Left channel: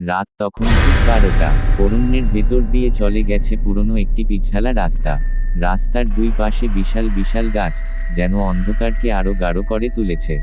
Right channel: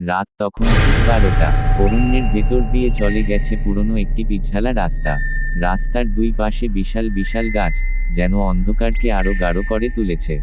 রাত তখন ঠিক 12টা। অরণ্যের ভেতর দিয়ে চলে গেছে পুরনো একটি পিছালা রাস্তা। রাস্তার দুই পাশে বিশাল বিশাল গাছ, যেন অন্ধকারকে আরো গাঢ় করে তুলেছে।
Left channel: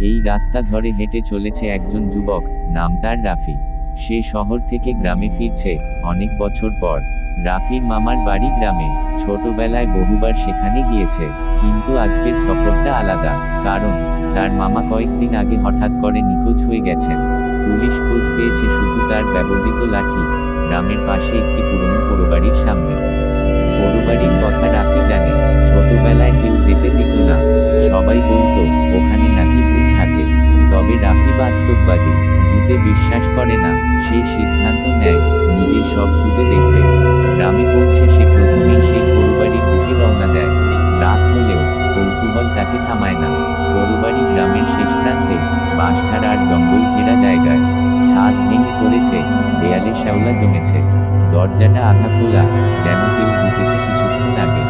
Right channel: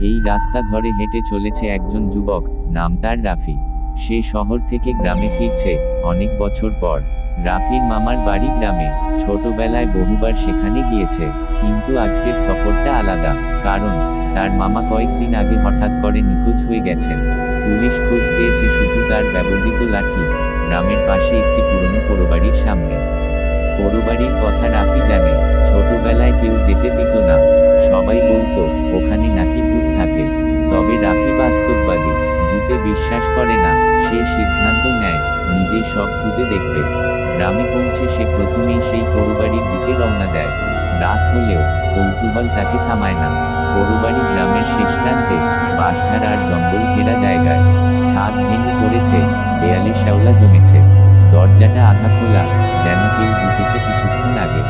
এই রাস্তা ধরে হেঁটে চলেছে একজন যুবক, নাম তার রাফি। সে শহর থেকে গ্রামে ফিরছে, অনেক বছর পর। রাফির মামার বাড়ি গ্রামে। ছোটবেলায় বহুবার সেখানে গিয়েছে। কিন্তু আজকের সফরটা আলাদা। কারণ তার মামা কয়েকদিন আগে হঠাৎ করে নিখোঁজ হয়ে গেছেন। পুলিশ খোঁজ পেয়েছে শুধু তার ব্যবহৃত লাঠি, গ্রামের পাশে একটি পুরনো পোড়োবাড়ির সামনে। পোড়োবাড়ির কথা রাফি জানে। ছোটবেলায় কেউ যেতে দিত না। সবাই বলতো ওখানে নাকি ভূত থাকে। তবে রাফি বাস্তববাদী, ভূতে বিশ্বাস করে না। সে সিদ্ধান্ত নেয় নিজেই সব খুঁজে দেখবে। গ্রামে পৌঁছে সে প্রথমেই সেই পোড়োবাড়ির দিকে রওনা দেয়। রাত হলেও কৌতূহল তাকে থামায় না। পোড়োবাড়ি গ্রামের শেষ প্রান্তে, বাঁশঝাড় আর জঙ্গল ঘেরা জায়গায়। ছাদ ভেঙে পড়েছে, দেয়ালে শ্যাওলা জমেছে। দরজাটা আধা খোলা, যেন কেউ ঢুকেছে কিছুক্ষণ আগে।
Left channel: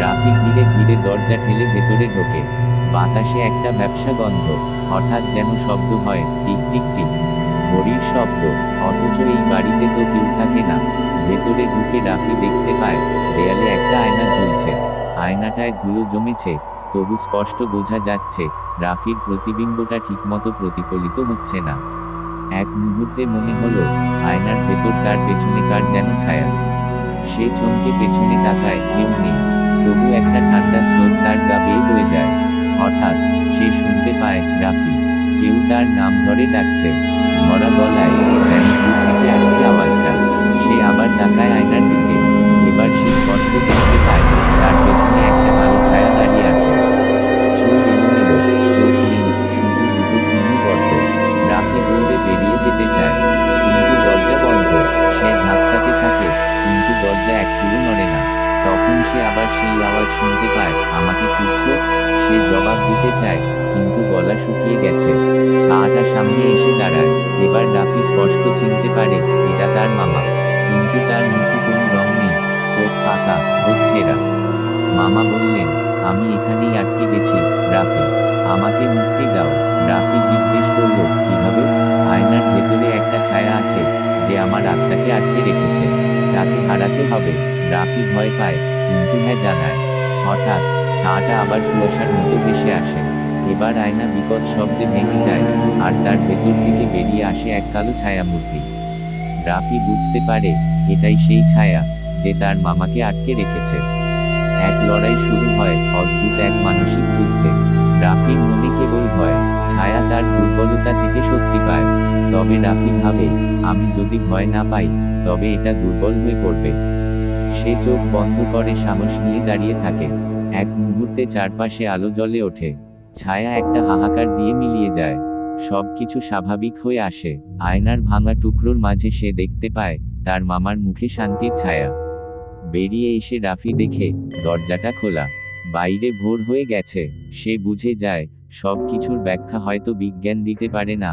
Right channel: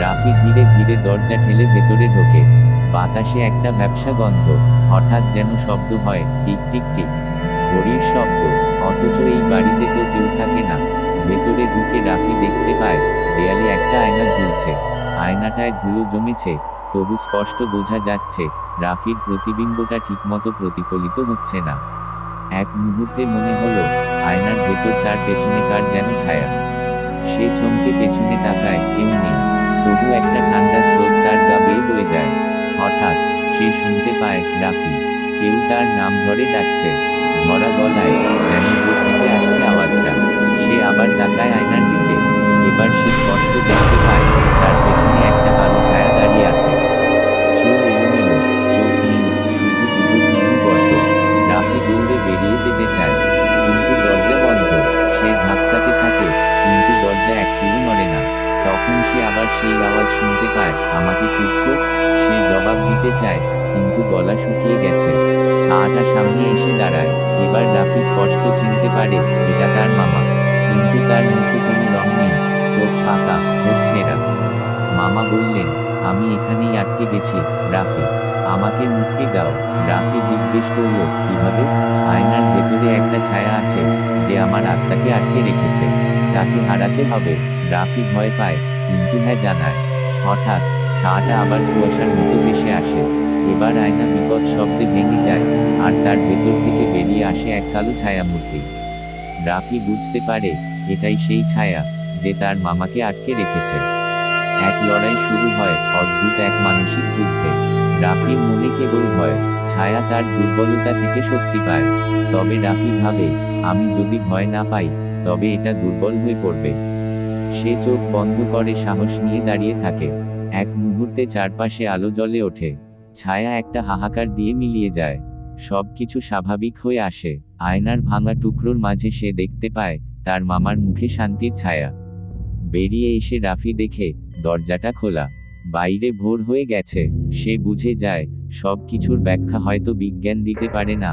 রাফি ধীরে ধীরে দরজা ঠেলে ভেতরে ঢোকে। বাতাসে একটা ভ্যাপসা গন্ধ। হঠাৎ যেন শব্দ হয়, টিক টিক টিক। ঘড়ির শব্দ। অথচ এই বাড়িতে তো কেউ থাকে না। ভেতরে ঢুকে রাফি দেখতে পায় দেয়ালে একটা আয়না ঝুলছে। আয়নাটায় ধুলো জমেছে, তবু স্পষ্ট বোঝা যাচ্ছে রাফির প্রতিবিম্বটা ঠিকমতো প্রতিফলিত হচ্ছে না। এক মুহূর্তে মনে হলো আয়নার ভেতর তার পেছনে কার যেন ছায়া। সে চমকে পেছনে তাকায়, কেউ নেই। তবু একটা ঠান্ডা স্রোত তার গা বেয়ে বয়ে যায়। হঠাৎ সে শুনতে পায় রাফি। কেউ তার নাম ধরে ডাকছে। ধরা গলায়, যেন দূর থেকে আসছে আওয়াজটা। সে আবার তাকায় আয়নার দিকে। এবার সে স্পষ্ট দেখতে পায় তার পেছনে একটা কালো ছায়া দাঁড়িয়ে আছে। চুল এলোমেলো, চোখ নেই, শুধু দুটো শূন্য গর্ত। রাফি দৌড়ে বেরিয়ে যেতে চায়, কিন্তু দরজা বন্ধ। সে ধাক্কাতে থাকে, কিন্তু দরজা এক চুলও নড়ে না। তখন সে আবার সেই আওয়াজ শুনতে পায়, আমাকে খুঁজছো? সে জবাব দিতে চায়, কিন্তু গলা শুকিয়ে গেছে। ছায়াটা সামনে এসে দাঁড়ায়। এবার রাফি স্পষ্ট চিনতে পারে এটা তার মামা। কিন্তু তার মুখে কোনো রং নেই, চোখ ফাঁকা, ঠোঁট ছেঁড়া। মামা বললেন, আমি এখানেই আটকে গেছি রাফি, আমাকে মুক্তি দাও। রাফি জিজ্ঞেস করল, কিভাবে? আয়নার ভেতরে একটা ছায়া আছে, যে আমার আত্মাকে আটকে রেখেছে। তাকে হারাতে হবে। রাফি ভয় পায়, কিন্তু হ্যাঁ জানায়। হঠাৎ ছায়াটা আবার কুয়াশার মতো ভেসে আসে। এবার আয়না বিকট শব্দে ভেঙে যায়, আর তার ভেতর থেকে বেরিয়ে আসে এক কালো ছায়ামূর্তি। রাফি বুঝতে পারে এটাই সেই ছায়া, যে তার মামাকে আটকে রেখেছে। এক লড়াই শুরু হয়, অদ্ভুত এক মানসিক যুদ্ধে। রাফির মনে কেবল ভয়। ছায়া তার দুর্বলতা থেকে শক্তি পায়। তবে রাফি ভাবে, আমি যদি ভয় না পাই, তবে এটা দুর্বল হয়ে পড়বে। সে চোখ বন্ধ করে সাহস নিয়ে দাঁড়িয়ে থাকে। এক মুহূর্তে চারপাশে আলো জ্বলে ওঠে। ছায়া একটা হাহাকার দিয়ে মিলিয়ে যায়। সবকিছু স্বাভাবিক হয়ে আসে। আয়নার ভাঙা টুকরোর মাঝে সে দেখতে পায় তার মামার মুখে শান্তির ছায়া। বেরিয়ে এসে রাফি দেখে দরজাটা খোলা। বাইরে ভোর হয়ে গেছে। সে বুঝে যায় সব কিছুর ব্যাখ্যা হয়তো বিজ্ঞান দিতে পারে না,